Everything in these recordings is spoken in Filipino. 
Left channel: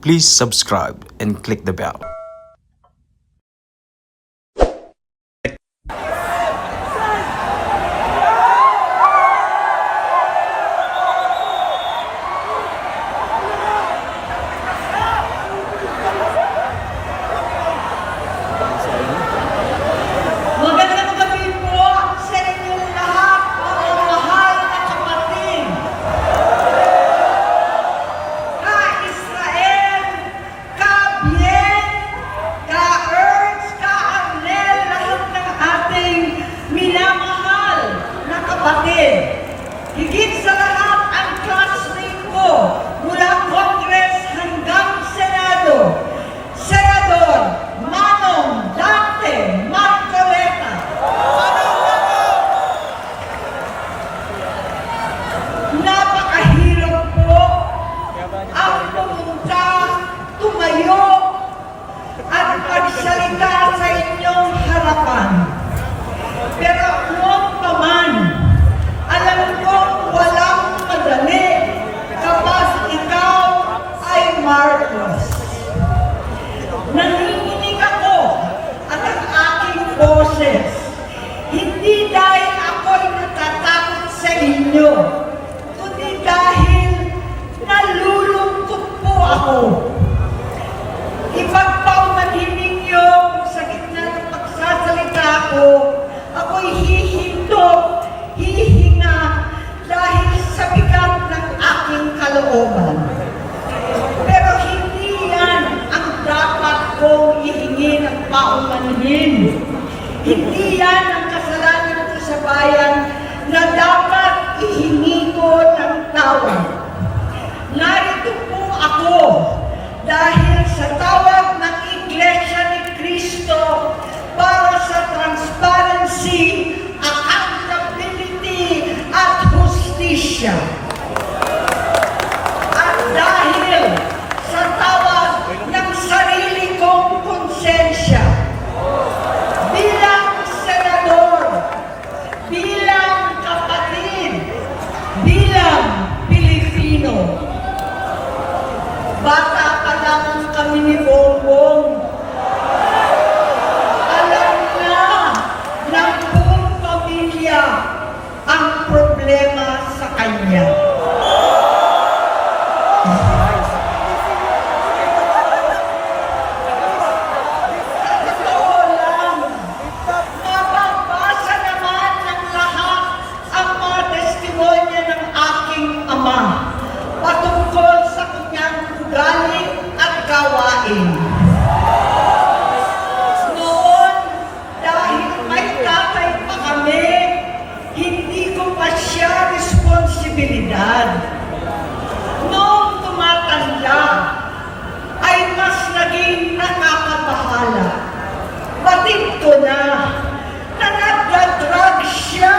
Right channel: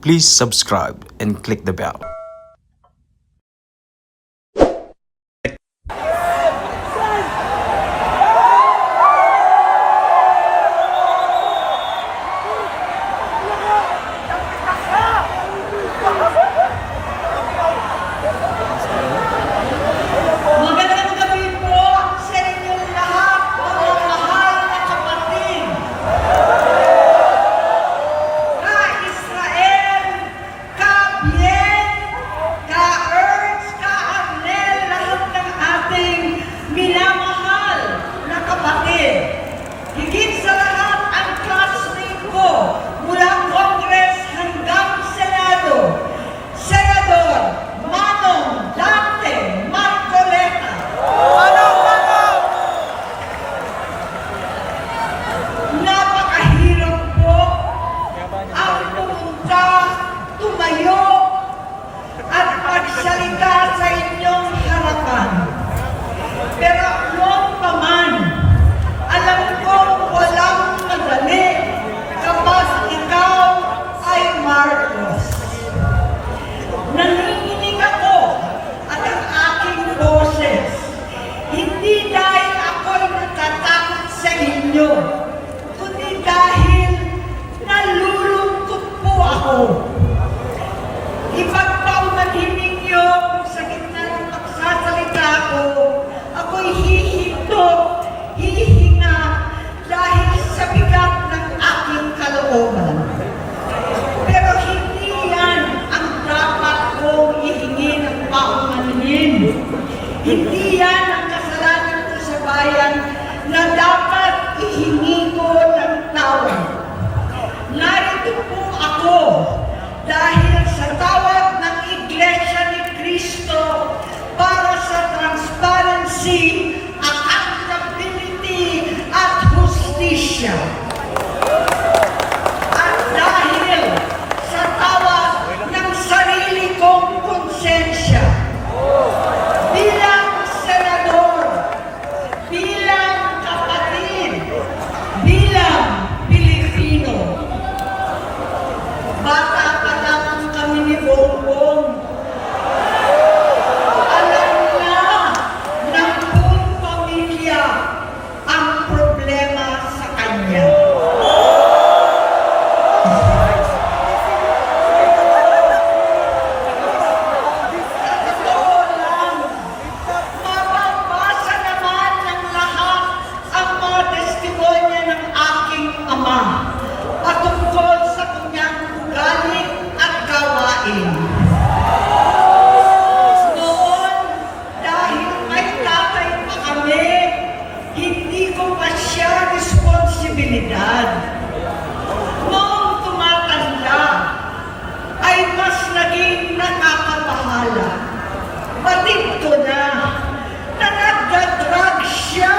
Please subscribe and click the bell. Magandang gabi po sa inyong lahat, mga mahal na kapatid. Ka-Israel, ka-Bien, ka-Ernst, ka-Arnel, lahat ng ating minamahal na kapatid. Higit sa lahat ang classmate ko mula Congress hanggang Senado. Senador Manong Dante Marcoleta. Napakahirap po ang pumunta, tumayo, at magsalita sa inyong harapan. Pero noon pa man, alam ko walang madali kapag ikaw ay Marcos. Nanginginig ako at ang aking boses. Hindi dahil ako'y natatakot sa inyo, kundi dahil nalulungkot po ako. Ipagpaumanhin ninyo kung sa gitna ng magsasalita ko, ako'y hihinto, hihinga dahil sa bigat ng aking kalooban. Pero hindi yan ang dapat kong ihingi ng paumanhin. Hindi yan ang kasalanan ko sa bayan na dapat ihingi ko ng tawag. Narito po ako dahil sa tawag ng Iglesia ni Cristo para sa transparency, accountability, at hustisya. At dahil sa tawag ng sarili kong konsensya, bilang senador, bilang kapatid, bilang Pilipino. Bata pa lamang kami ni Bongbong. Alam na ng buong pamilya ang problema sa kanya. Totoo lang, mababasa naman ng lahat ang mga testimonya ng aking ama patungkol sa kanyang ugali at gawain. Noon, dahil may tatay pa kami, hindi ko pa siya responsibilidad. Noong tumatanda, ay mas naging nakakabahala. Batid ko na nagda-drug siya.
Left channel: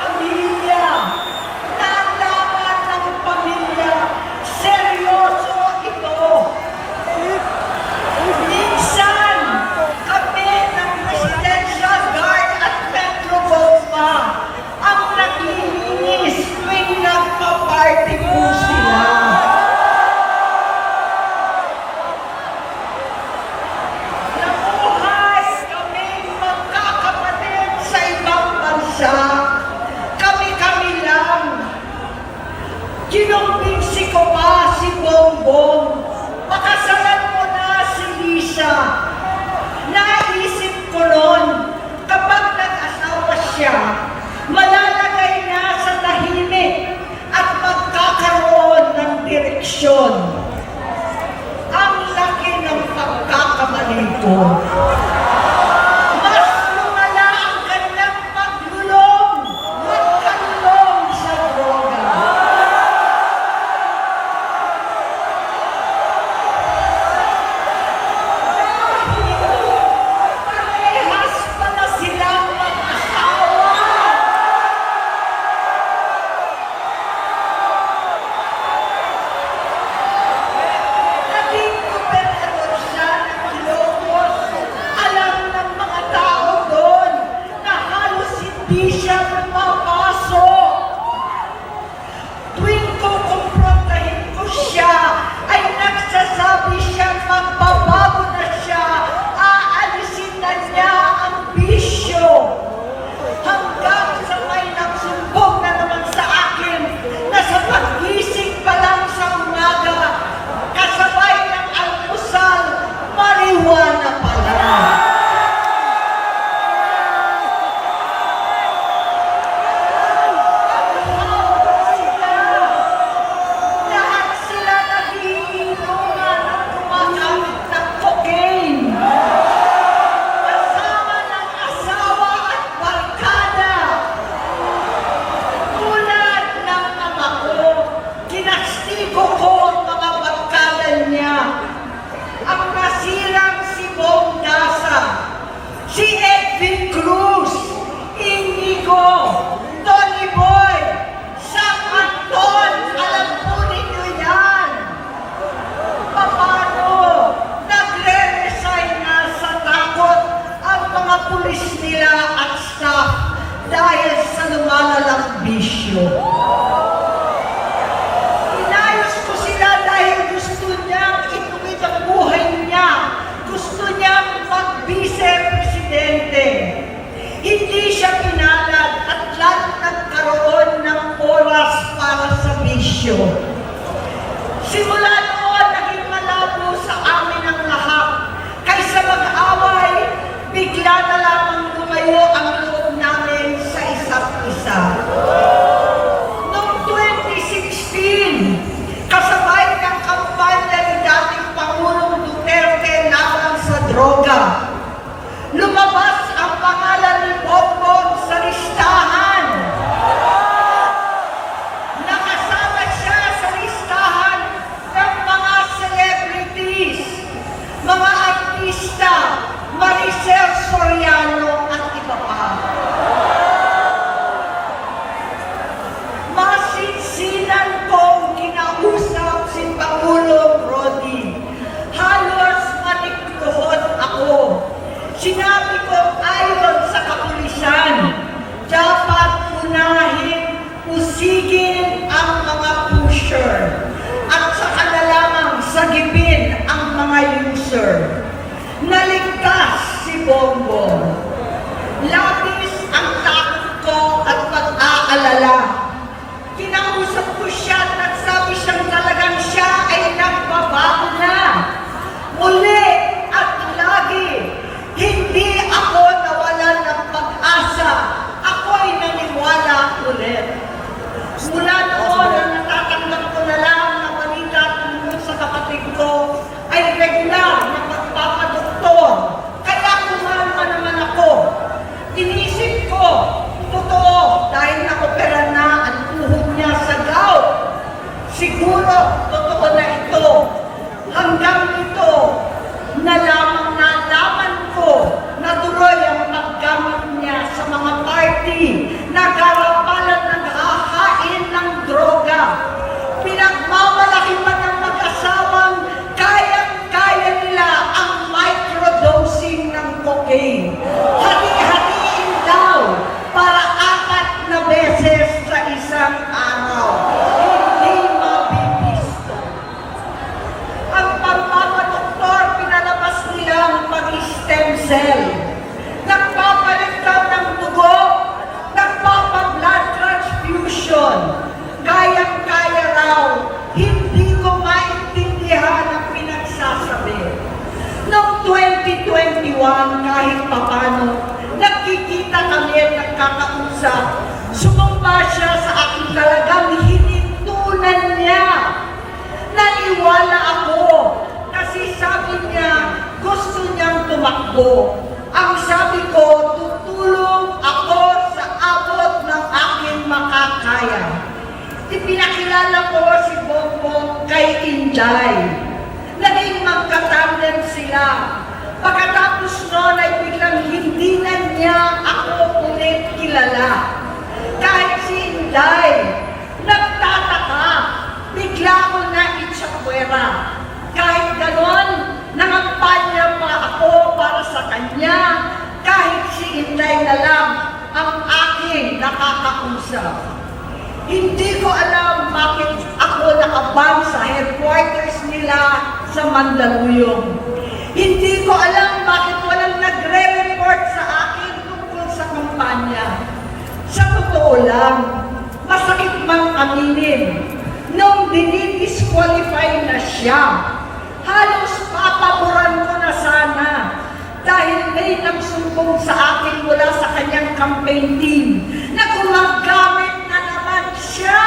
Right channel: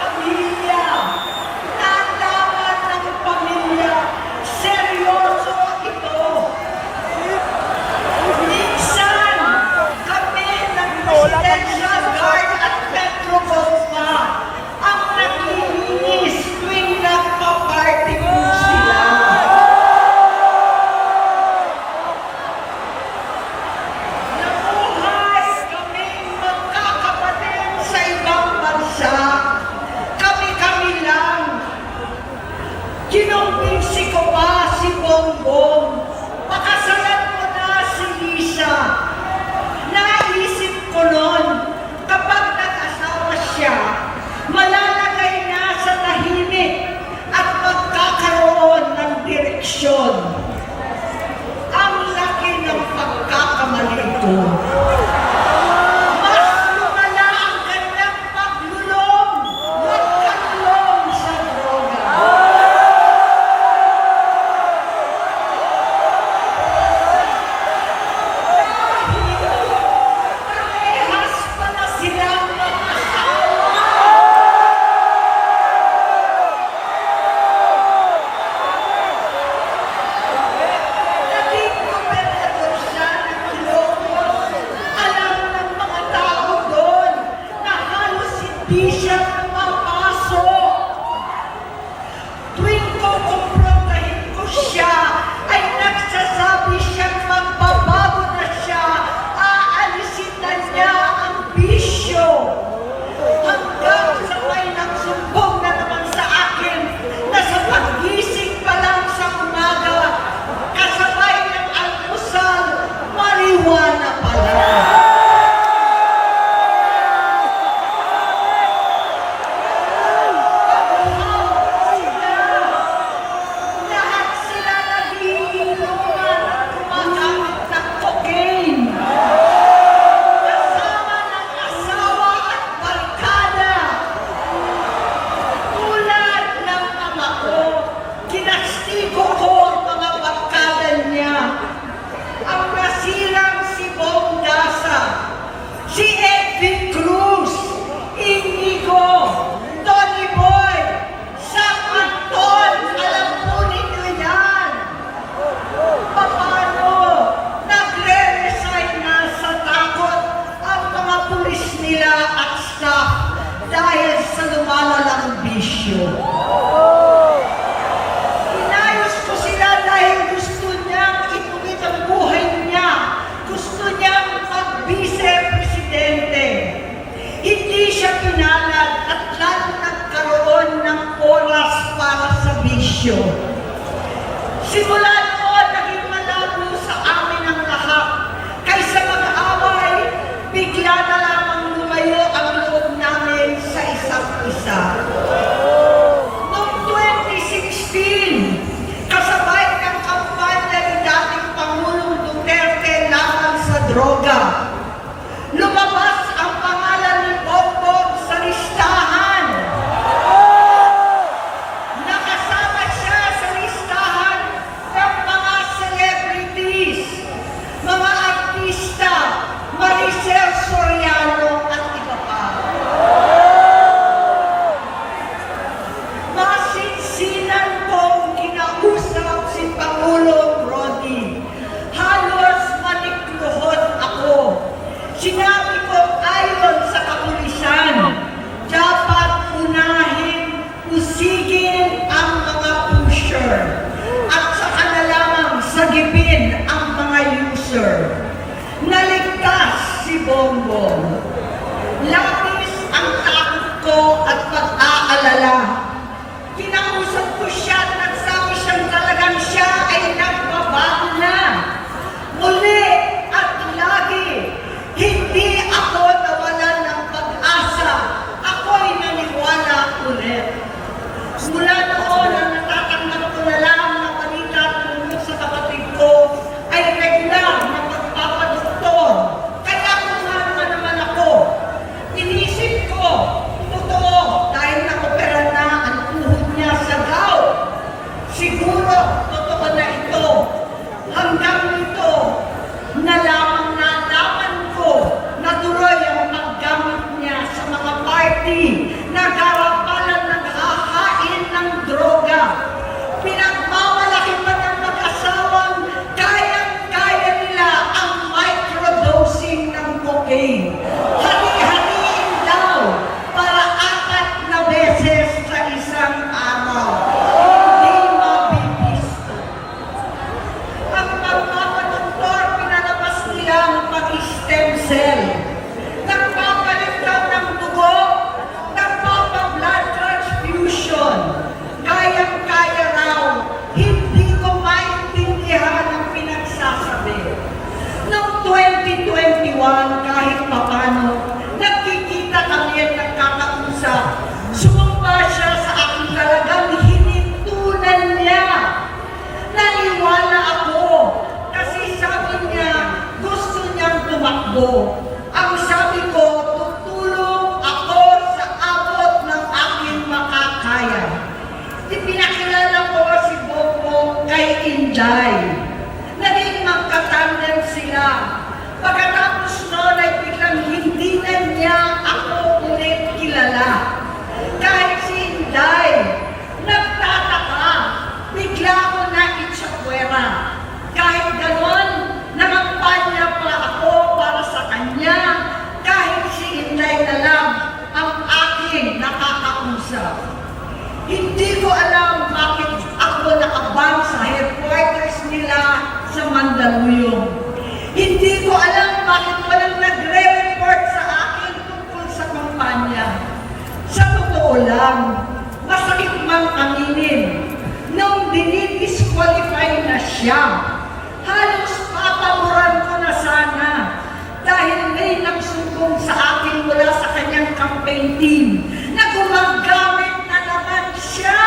Pamilya, nalaman ng pamilya, seryoso ito. Minsan, kami ng Presidential Guard at Metro Gold pa ang naglilinis tuwing nagpa-party po sila. Nabuhay kaming magkakapatid sa ibang bansa. Kami-kami lang. Kinumbinsi ko pa si Bongbong. Pakasalan mo na si Lisa. Naisip ko noon, kapag nag-asawa siya, malalagay na sa tahimik at magkakaroon ng direksyon. Ang laki ng pagkakamali ko. Mas lumala ang kanyang paglulong, magkalulong sa droga. Parehas pa na silang mag-asawa. Naging gobernador siya ng Ilocos Vice Presidente. Hindi siya pinalad at lalo nagkaroon ng oras para sa bisyo. Simula noon, naging malabo sa amin ang lahat. Kaysa mag-away, bigla na lamang lumayo ang loob namin sa isa't isa. Noong 2016, kasabay ng kampanya ni dating Pangulong Duterte laban sa droga, lumabas ang pangalan ni Bongbong sa listahan. Nakasama siya sa listahan ng mga celebrities, mga artista, Maricel Soriano at iba pa. Masinsinan kong kinausap si Pangulong Rodi. Halos manikluhod ako. Sinabi ko ayon sa kapulisan, dapat unahin, usigin ang mga pusher at saka na lamang sagipin ang mga user. Naligtas si Bongbong. Labis ang takot ko at pag-aalala. Kinausap ko siya at nagsabi siyang talagang siya ay nagbabago na. Muli at lagi, hindi ako nawalan ng pag-asa. Ako'y naniwala ulit. Mula noon, ang natatanggap ko na lang na balita tungkol sa kapatid ko ay regular na pagpapadoktor. Kaya kumalma naman ako. Inisip ko, totoo, dahil na-opera na ang tuhod niya sa gout. Siguro, totoo na ito. Hanggang ito, na lamang nalaman ko na tuloy ang paggamit niya sa mga party na garapalan naghahain ng droga. Pinagmamalaki pa ng mag-asawang kayang-kaya nila ang microdosing ng cocaine. Hati-hatiin daw para 4 na beses sa isang araw. Hindi mabibisto. Ang pagpapadoktor, pinalabas nila ang pag-stem cell. Nagpapalit daw ng dugo, nagpapa-blood transfusion. Kayang-kaya raw, hindi ko maintindihan ang pinagsasabi. Noong 2021, kahit papano, nagkikita kami at nagkakausap. Sumumpa siya sa aking talagang hinintunan niya. Naniwala ako kasi sabi niya gusto niyang tumakbo. Ang sabi ko, tutulong ako sa abot ng aking makakaya. Ipinakilala ko si Bongbong kay Inday. Naging magkatandem sila. Pagkatapos noon ay biglang hindi na niya ako ulit kilala. Kahit si Inday, nagtataka, bigla ko na itsapwera. Kahit ganon, nangampanya pa ako para sa kanya. Kahit si Inday na lang ang aking nakakausap. Hindi ko alam bakit ako naabang sa headquarters nila sa Mandaluyong. Hindi ko alam bakit walang nagre-report sa akin tungkol sa kampanya. Sa totoo lang, masakit mang aminin, nung dinidisqualify na siya, halos papaboran ko na sana dahil may nagsumbong sa akin mula sa kanyang campaign team na gumagamit na naman siya.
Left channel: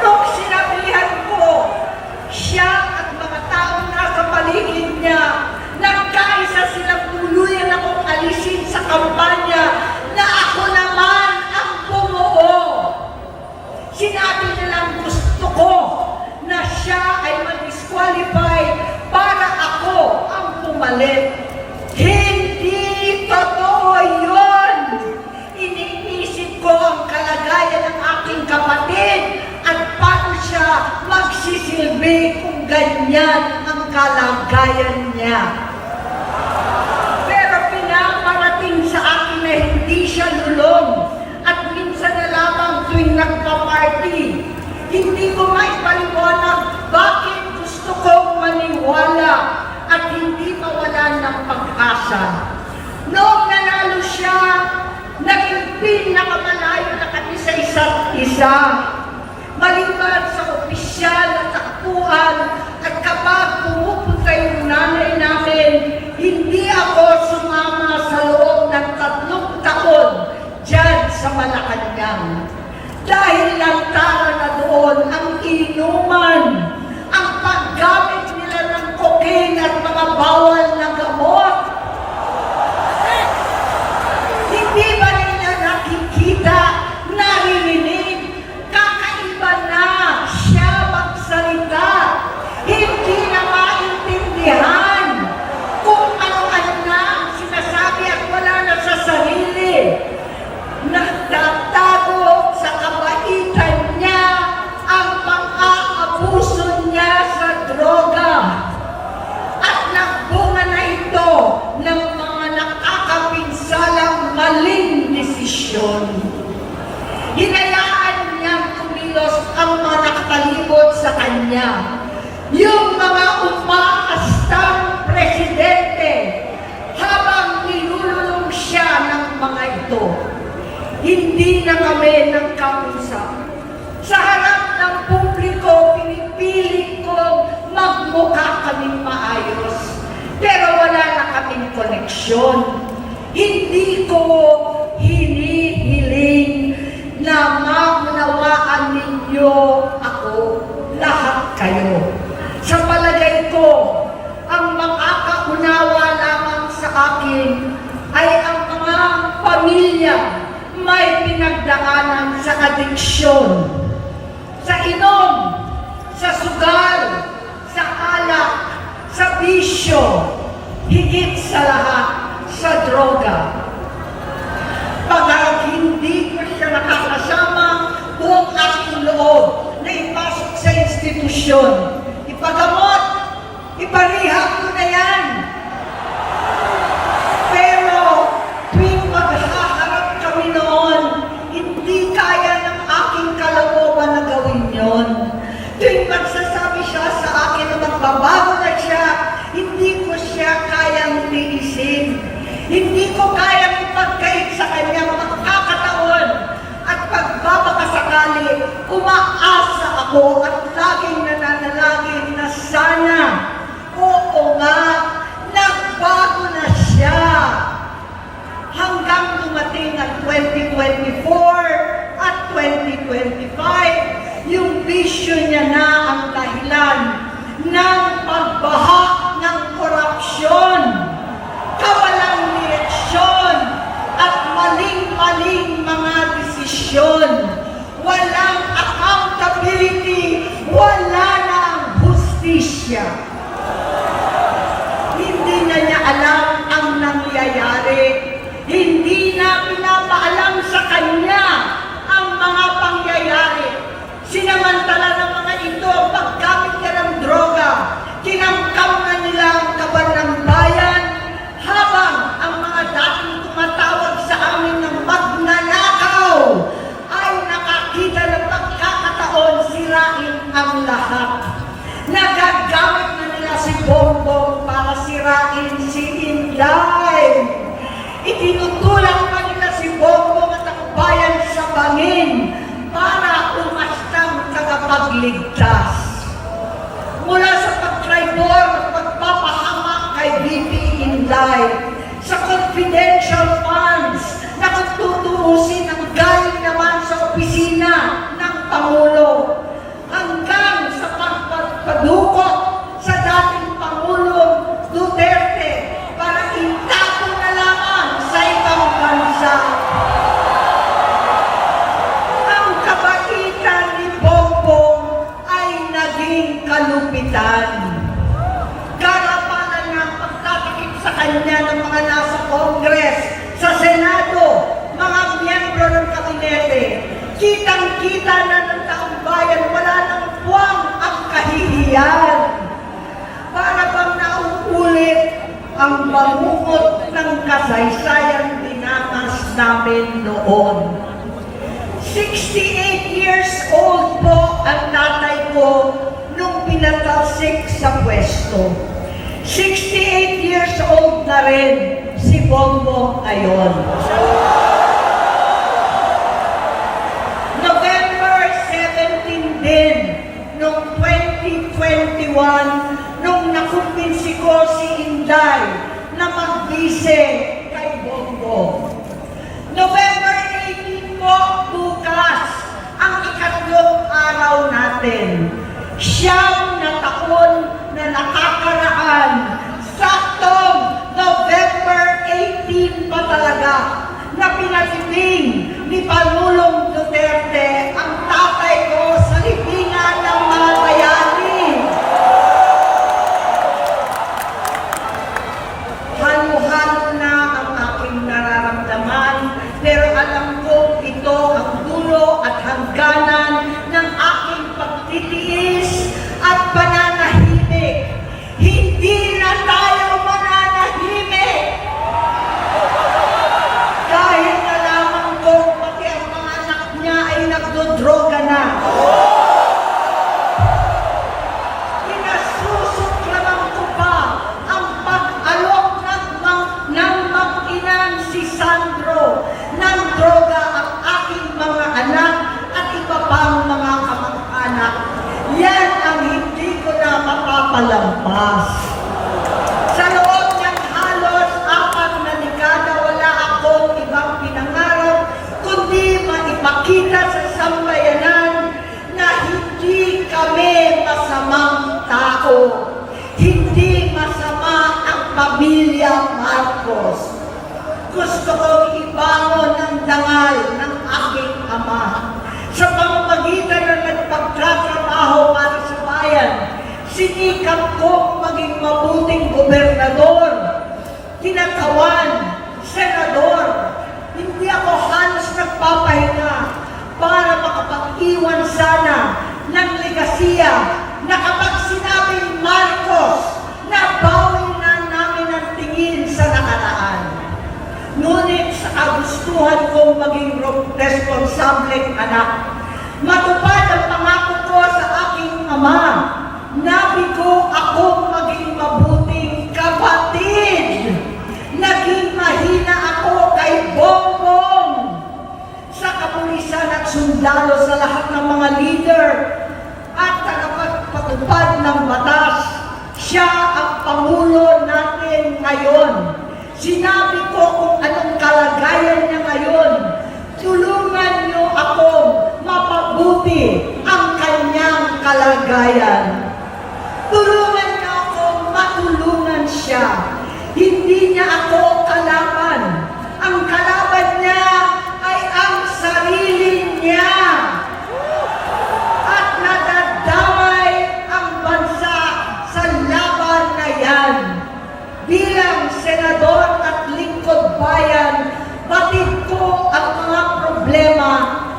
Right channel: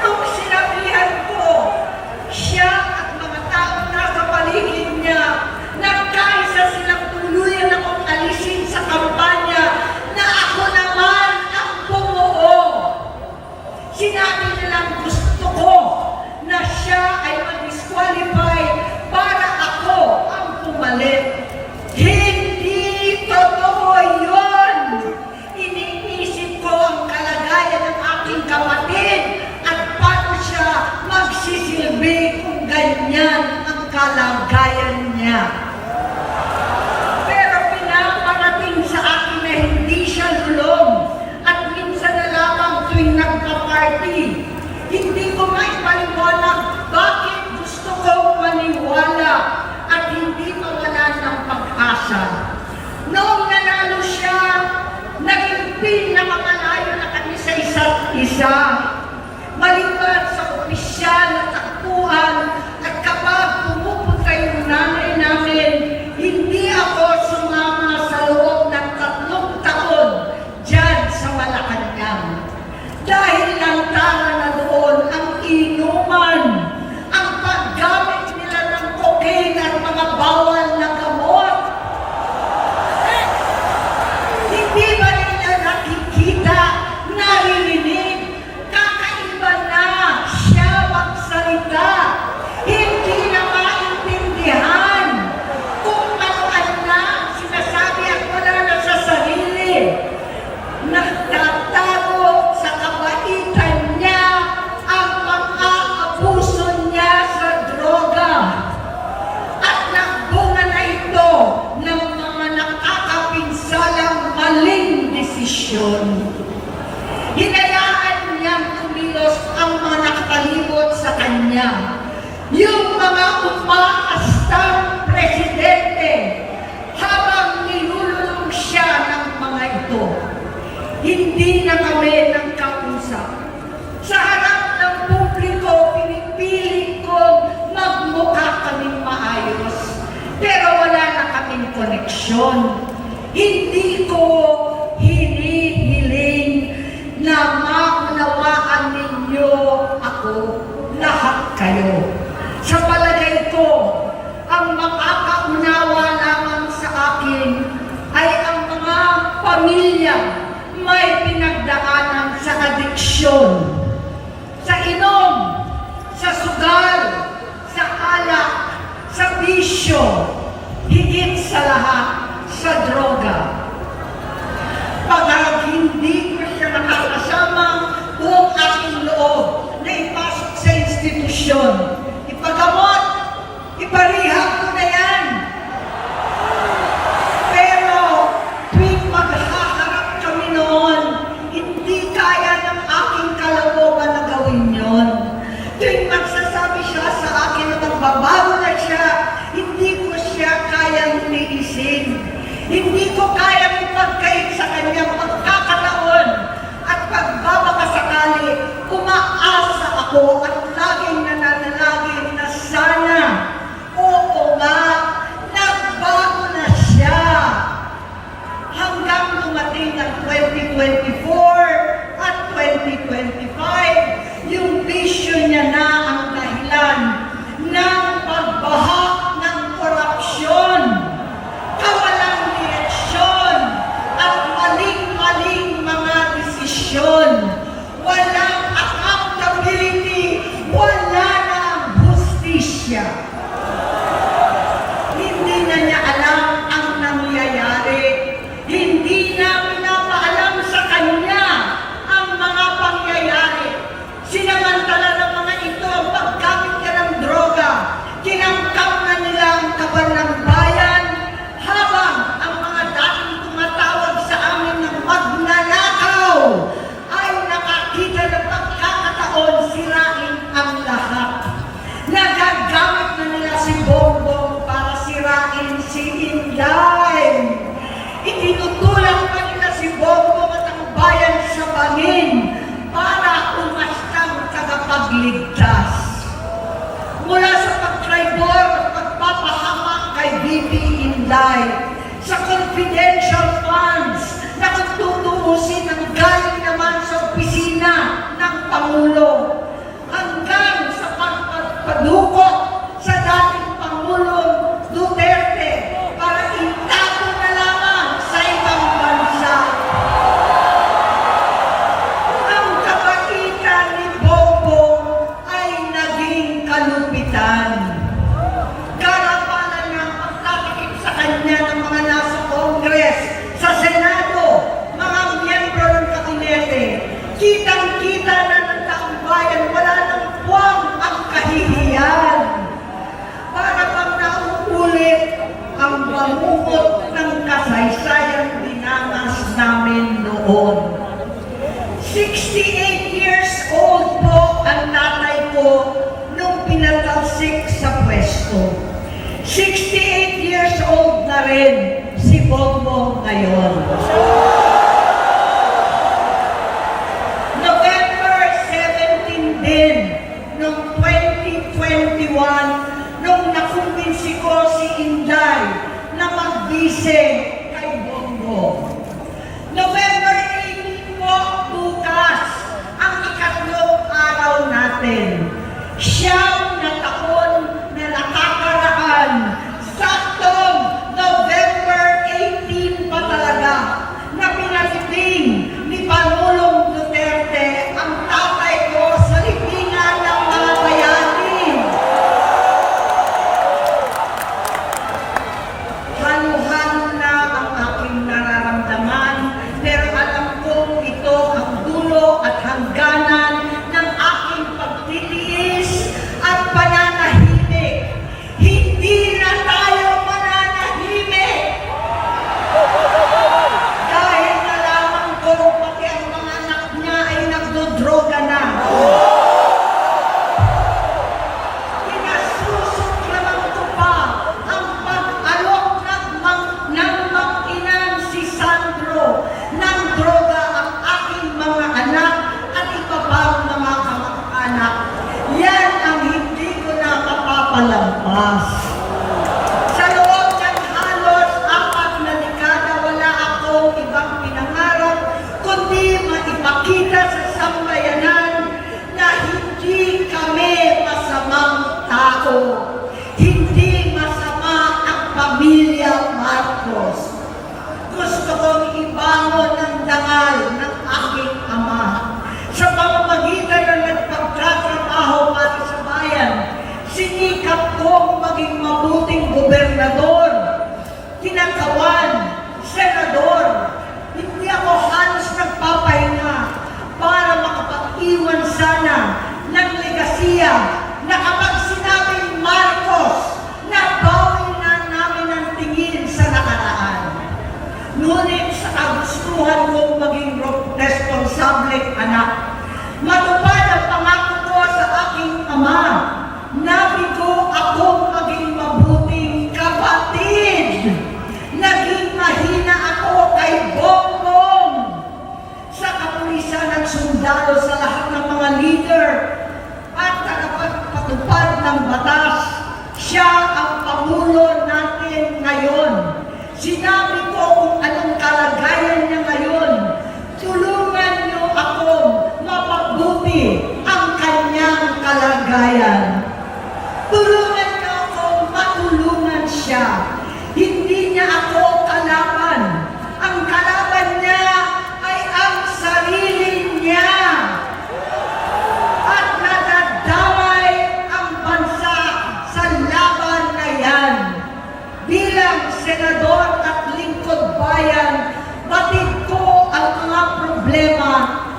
Nung sinabihan ko, siya at mga taong nasa paligid niya, nagkaisa silang tuluyan akong alisin sa kampanya na ako naman ang bumuo. Sinabi nilang gusto ko na siya ay mag-disqualify para ako ang pumalit. Hindi totoo yun! Iniisip ko ang kalagayan ng aking kapatid at paano siya magsisilbi kung ganyan ang kalagayan niya. Pero pinaparating sa akin na hindi siya lulong at minsan na lamang tuwing nagpa-party. Hindi ko maipaliwanag bakit gusto kong maniwala at hindi kinabukasan. Noong nanalo siya, naging pinakamalayo na kami sa isa't isa. Maliban sa opisyal at takbuhan at kapag pumupunta yung nanay namin, hindi ako sumama sa loob ng 3 taon dyan sa Malacanang. Dahil lantaran na doon ang inuman, ang paggamit nila ng cocaine at mga bawal na gamot. Hindi ba nila nakikita, naririnig, kakaiba na siya magsalita, hindi na maintindihan kung ano-ano na sinasabi at wala na sa sarili. Nagtatago sa kabaitan niya ang pang-aabuso niya sa droga. At nagbunga na ito ng mga nakakapinsalang maling desisyon. Hinayaan niyang kumilos ang mga nakapalibot sa kanya. Yung mga umaastang presidente habang nilululong siya ng mga ito. Hindi na kami nagkausap. Sa harap ng publiko, pinipiling kong magmukha kaming maayos. Pero wala na kaming koneksyon. Hindi ko hinihiling na maunawaan ninyo ako, lahat kayo. Sa palagay ko, ang makakaunawa lamang sa akin ay ang mga pamilya may pinagdaanan sa adiksyon, sa inom, sa sugal, sa alak, sa bisyo, higit sa lahat, sa droga. Pag hindi ko siya nakakasama, buong aking loob na ipasok sa institusyon, ipagamot, iparihab ko na yan. Pero tuwing maghaharap kami noon, hindi kaya ng aking kalooban na gawin yon. Tuwing magsasabi siya sa akin na magbabago na siya, hindi ko siya kayang tiisin. Hindi ko kayang ipagkait sa kanya pagkakataon at pagbabakasakali, umaasa ako at laging nananalangin na sana, oo nga, nagbago na siya. Hanggang dumating ang 2024 at 2025, yung bisyo niya na ang dahilan ng pagbaha ng korupsyon, kawalang direksyon, at maling-maling mga desisyon. Walang accountability, wala na ang hustisya. Hindi na niya alam ang nangyayari. Hindi na pinapaalam sa kanya ang mga pangyayari. Sinamantala ng mga ito ang paggamit niya ng droga. Kinamkam na nila ang kaban ng bayan habang ang mga dating tumatawag sa amin ng magnanakaw ay nakakita ng pagkakataon sirain ang lahat. Nagagamit na nila si Bongbong para sirain si Inday. Itinutulak pa nila si Bongbong at ang bayan sa bangin para umastang tagapagligtas. Mula sa pagtraidor at pagpapahamak kay BP Inday, sa confidential funds na kung tutuusin ang galing naman sa opisina ng Pangulo, hanggang sa pagpadukot sa dating Pangulong Duterte para itago na lamang sa ibang bansa. Ang kabaitan ni Bongbong ay naging kalupitan. Garapalan ng pagtatakip sa kanya ng mga nasa Congress, sa Senado, mga miyembro ng kabinete. Kitang-kita na ng taong bayan, wala nang puwang ang kahihiyan. Para bang nauulit ang bangungot ng kasaysayan dinanas namin noon. 68 years old po ang tatay ko nung pinatalsik sa pwesto. 68 years years old na rin si Bongbong ngayon. November 17 din, noong 2021, nung nakumbinsi ko si Inday na magbise kay Bongbong. November 18 po, bukas, ang ikatlong araw natin. Siyam na taon na nakakaraan, saktong November 18 pa talaga, na pinatiling ni Pangulong Duterte ang tatay ko sa libingan ng mga bayani. Halo-halo na ang aking nararamdaman, pero alam kong ito ang dulo at hangganan ng aking pagtitiis at pananahimik. Hindi na tayo mananahimik! Dahil nalaman ko pati ang mga anak niya ay nagdodroga na. Pinasusuklaman ko pa ang pag-alok ng mag-inang si Sandro ng droga ang aking mga anak at iba pang mga kamag-anak. Yan ang hindi ko na mapapalampas. Sa loob ng halos 4 na dekada, wala akong ibang pinangarap kundi maipakita sa sambayanan na hindi kami masamang tao. Hindi masama ang pamilya Marcos. Gusto kong ibangon ang dangal ng aking ama. Sa pamamagitan ng nagpagtatrabaho para sa bayan, sinikap kong maging mabuting gobernador, kinatawan, senador. Hindi ako halos nagpapahinga para makapag-iwan sana ng legasiya na kapag sinabing Marcos, nabawi na namin ang tingin sa nakaraan. Ngunit sa kagustuhan kong maging responsableng anak, matupad ang pangako ko sa aking ama, nabigo akong maging mabuting kapatid. Naging mahina ako kay Bongbong sa kapulisan at sundalo sa lahat ng mga leader at tagapagpatupad ng batas. Siya ang Pangulo natin ngayon. Sinabi ko kung anong kalagayan niya ngayon. Tulungan niyo akong mapabuti ang kanyang kalagayan. Tulungan niyo akong matulungan siya. Hindi niya ako kalaban. Ang kalaban niya ay ang sarili niya. At nadadamay ang bansa sa laban na yan. Bilang senador at lingkod bayan, batid ko ang mga problema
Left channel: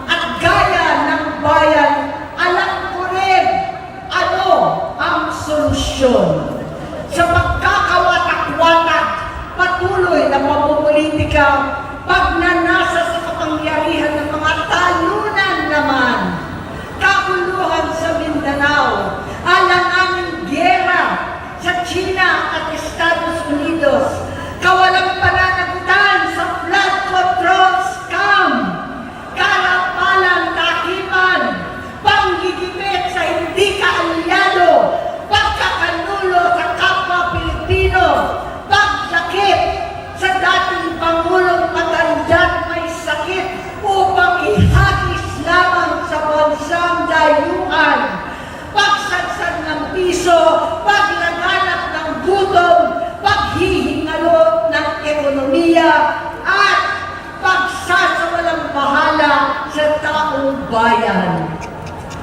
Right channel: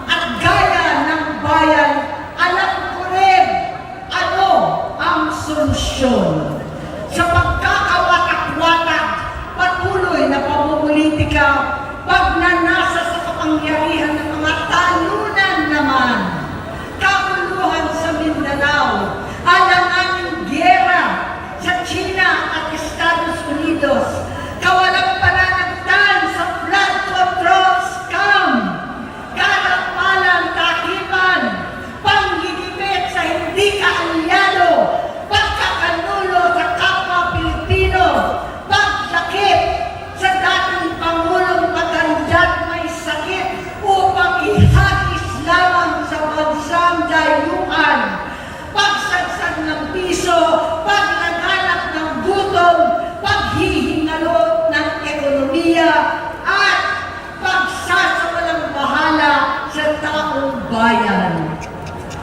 at gaya ng bayan, alam ko rin ano ang solusyon. Sa pagkakawatak-watak, patuloy na pamumulitika, pagnanasa sa kapangyarihan ng mga talunan naman, kaguluhan sa Mindanao, alanganing giyera sa China at Estados Unidos, kawalang pananagutan sa flood control scam, kalapalang kahiman, panggigipit sa hindi kaalyado, pagkakanulo sa kapwa Pilipino, pagsakit sa dating Pangulong matandang may sakit upang ihagis lamang sa bansang dayuhan, pagsadsad ng piso, paglaganap ng gutom, paghihingalo ng ekonomiya, at pagsasawalang bahala sa taong bayan.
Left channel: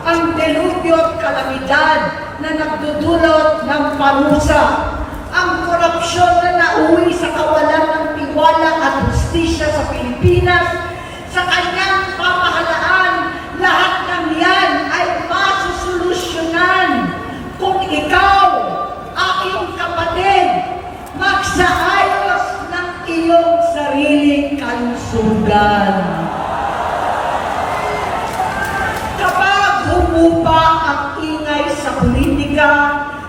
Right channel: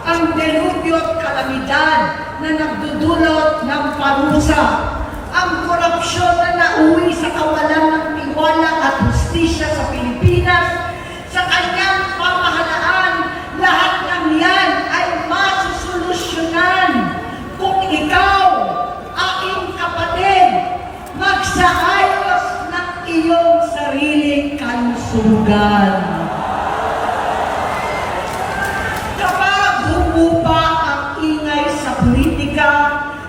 Ang delubyo at kalamidad na nagdudulot ng parusa, ang korupsyon na nauwi sa kawalan ng tiwala at hustisya sa Pilipinas, sa kanyang pamahalaan, lahat ng yan ay masusolusyonan kung ikaw, aking kapatid, magsaayos ng iyong sariling kalusugan. Kapag humupa ang ingay sa politika,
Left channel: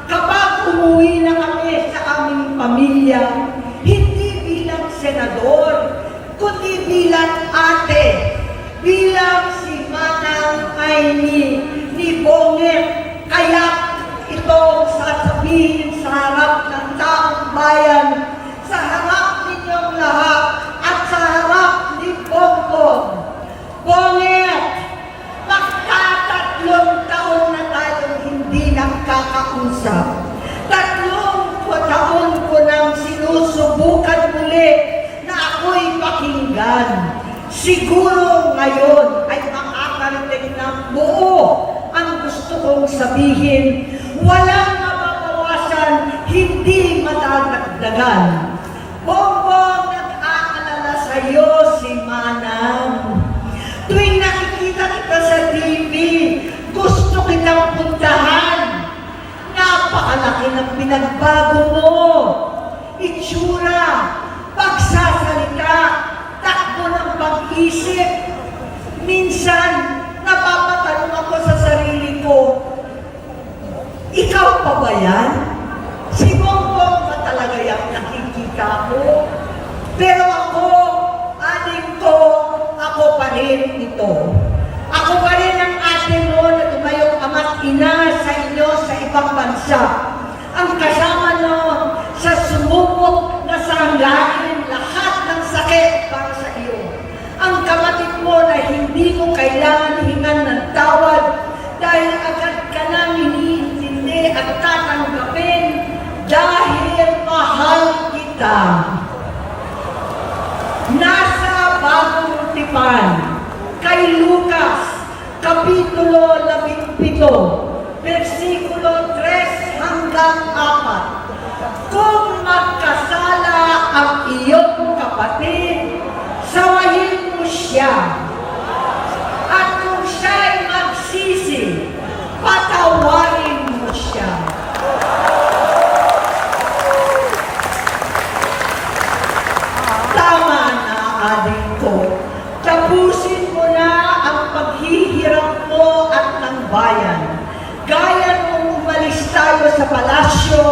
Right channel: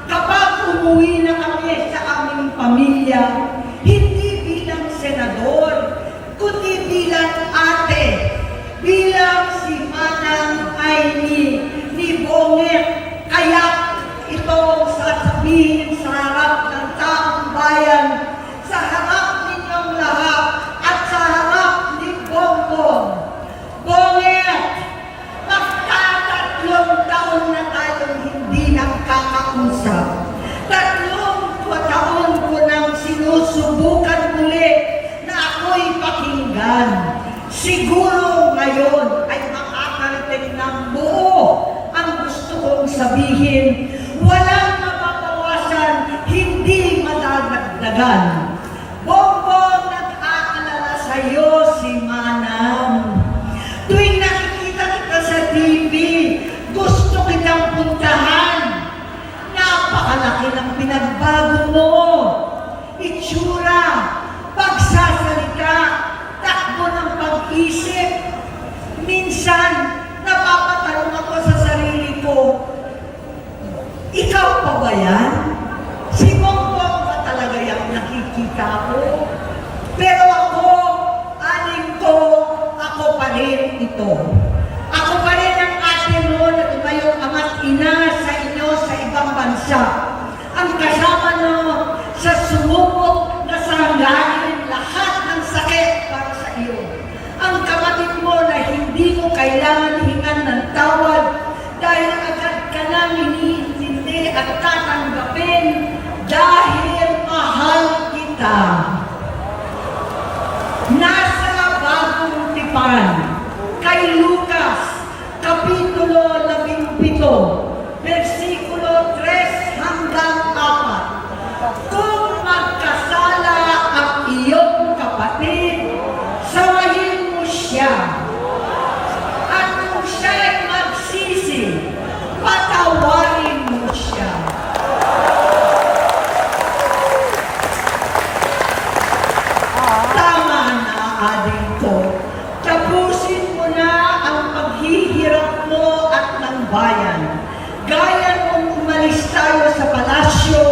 kapag umuwi na kami sa aming pamilya, bilang si Manang ay ni Bonget, kaya ito sasabihin sa harap ng taong bayan, sa harap ninyong lahat, at sa harap ni Bongbong. Bonget, magtatatlong taon na tayong hindi nakakausap. 3 taon ko nang sinusubukan muli na ako'y pakinggan. Siguro ngayon ay makakarating ng buo ang gusto kong sabihin. Walang mababawasan, hindi madadagdagan. Bongbong, nag-aalala sa'yo si Manang. Tuwing nakikita kita sa TV, gusto kitang puntahan. Napakalaki ng pinagbago mo. Itsura, pagsasalita, takbo ng pag-isip. Minsan, napapatanong ako sa sarili ko, ikaw pa ba yan? Si Bongbong ba talaga yung nakikita ko? Pero ako, aling ko, ako pa rin ito. Ako pa rin ang ate mo na tumayong ama't ina sa inyo sa ibang bansa. Ang kasama nyo sa sumubok na sanglain lahat ng sakit para sa iyo. Ang kapatid mo na hindi mo kailangan hingan ng tawad dahil agad ka nang iniintindi at tatanggapin dahil mahal kita. Nasa Bagong Tipan, kay Lucas, Kapitulo 17, versikulo 3 hanggang 4. Kung magkasala ang iyong kapatid, sawayin mo siya. At kung siya'y magsisi, patawarin mo siya. Tama na, aling ko. Tapusin mo na ang paghihirap mo at ng bayan. Gaya nung umalis tayo sa palasyo,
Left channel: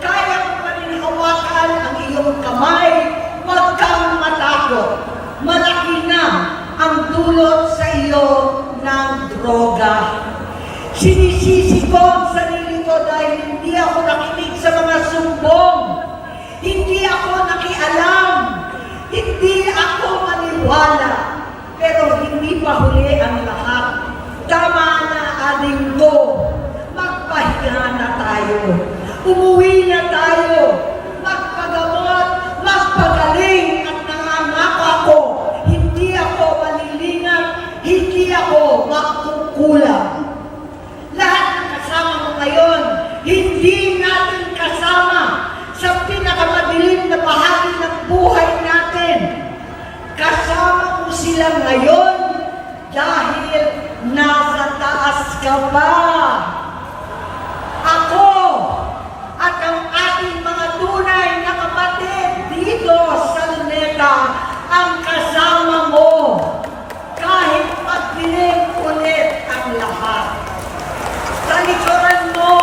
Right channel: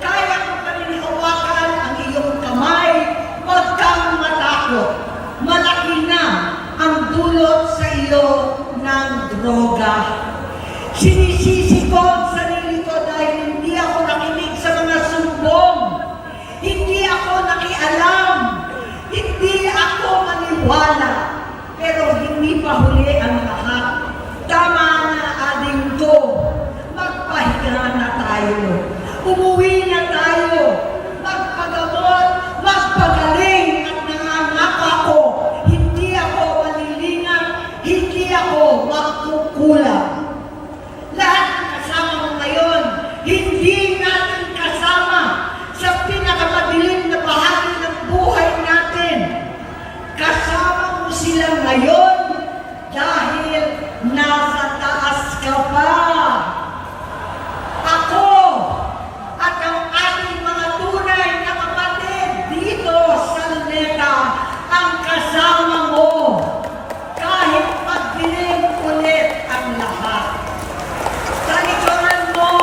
kaya mo pa rin hawakan ang iyong kamay, huwag kang matakot. Malaki na ang dulot sa iyo ng droga. Sinisisi ko ang sarili ko dahil hindi ako nakinig sa mga sumbong. Hindi ako nakialam. Hindi ako maniwala. Pero hindi pa huli ang lahat. Tama na, aling ko. Magpahinga na tayo. Umuwi na tayo. Magpagamot, magpagaling at nangangako ako. Hindi ako malilinang, hindi ako magkukulang. Lahat ng kasama mo ngayon, hindi natin kasama sa pinakamadilim na bahagi ng buhay natin. Kasama mo sila ngayon dahil nasa taas ka pa. Ako at ang ating mga tunay na kapatid dito sa Luneta ang kasama mo kahit magdilim ulit ang lahat. Sa likuran mo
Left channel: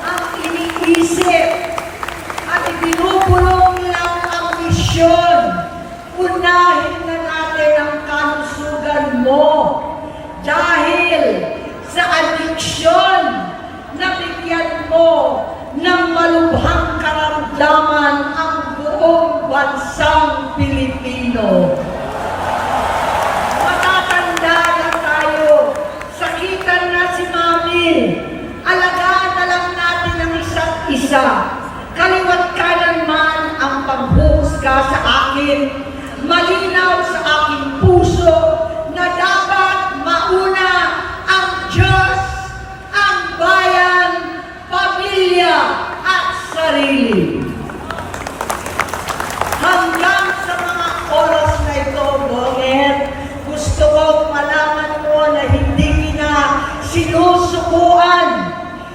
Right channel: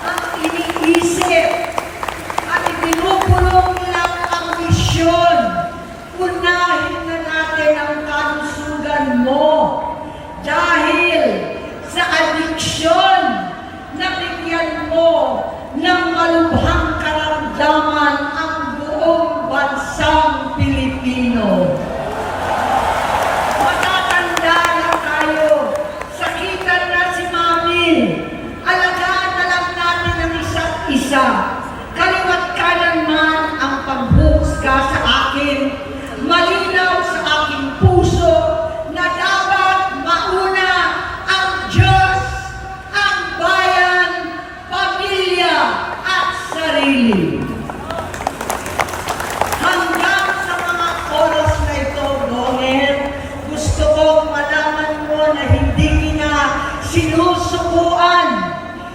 ang iniisip at ibinubulong lang ang misyon. Unahin na natin ang kalusugan mo dahil sa adiksyon na bigyan mo ng malubhang karamdaman ang buong bansang Pilipino. Matatanda na tayo, sakitan na si Mami, alagaan na lang natin ang isa't isa. Kaliwat kanan man ang panghuhusga sa akin, malinaw sa aking puso na dapat mauna ang Diyos, ang bayan, pamilya at sarili. Hanggang sa mga oras na ito, Bonget, gusto kong malaman mo na hindi kita sinusukuan.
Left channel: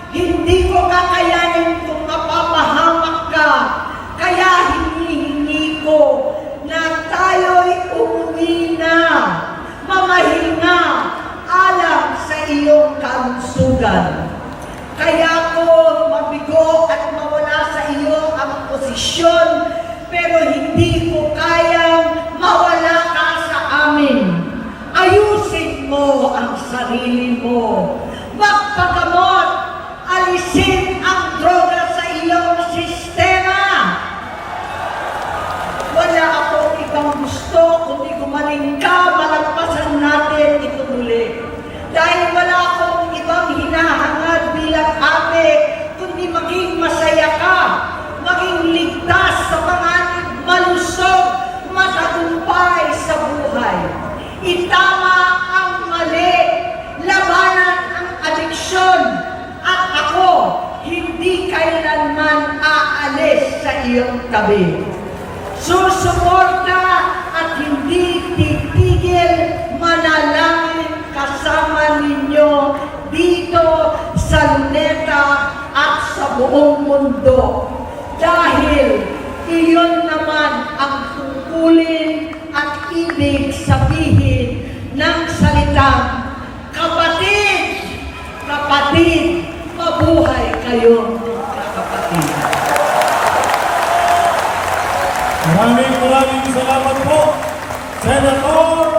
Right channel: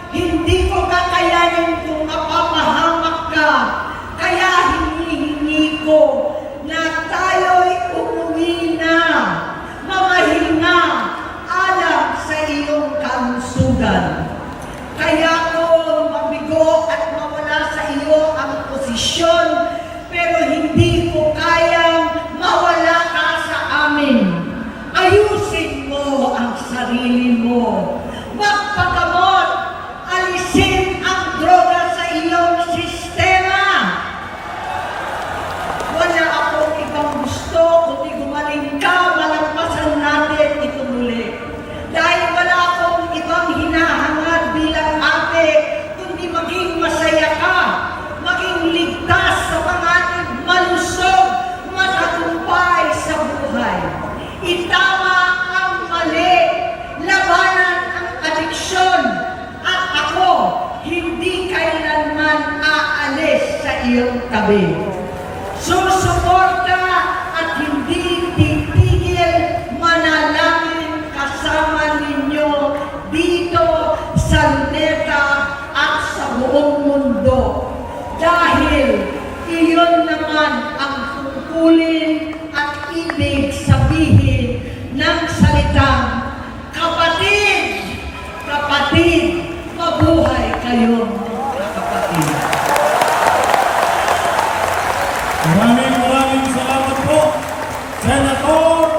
Hindi ko kakayanin kung mapapahamak ka. Kaya hinihingi ko na tayo'y umuwi na, mamahinga, alam sa iyong kalusugan. Kaya ko mabigo at mawala sa iyo ang posisyon, pero hindi ko kayang mawala ka sa amin. Ayusin sarili mo. Magpagamot, alisin ang droga sa iyong sistema. Wala akong ibang gusto kundi gumaling ka, malampasan natin ito muli. Dahil wala akong ibang hinahangad bilang ate, kundi maging masaya ka, maging ligtas sa panganib, malusog, matagumpay sa buhay. Itama ang mali, labanan ang adiksyon, at ako hindi kailanman aalis sa iyong tabi. Susuporta at hindi titigil manalangin kasama ninyo dito sa NETA at sa buong mundo. Dahil iyon naman ang tungkulin at ibig sabihin ng salitang kapatid, kapatid, mabuhay kayong kapatid. Maraming salamat po, Senator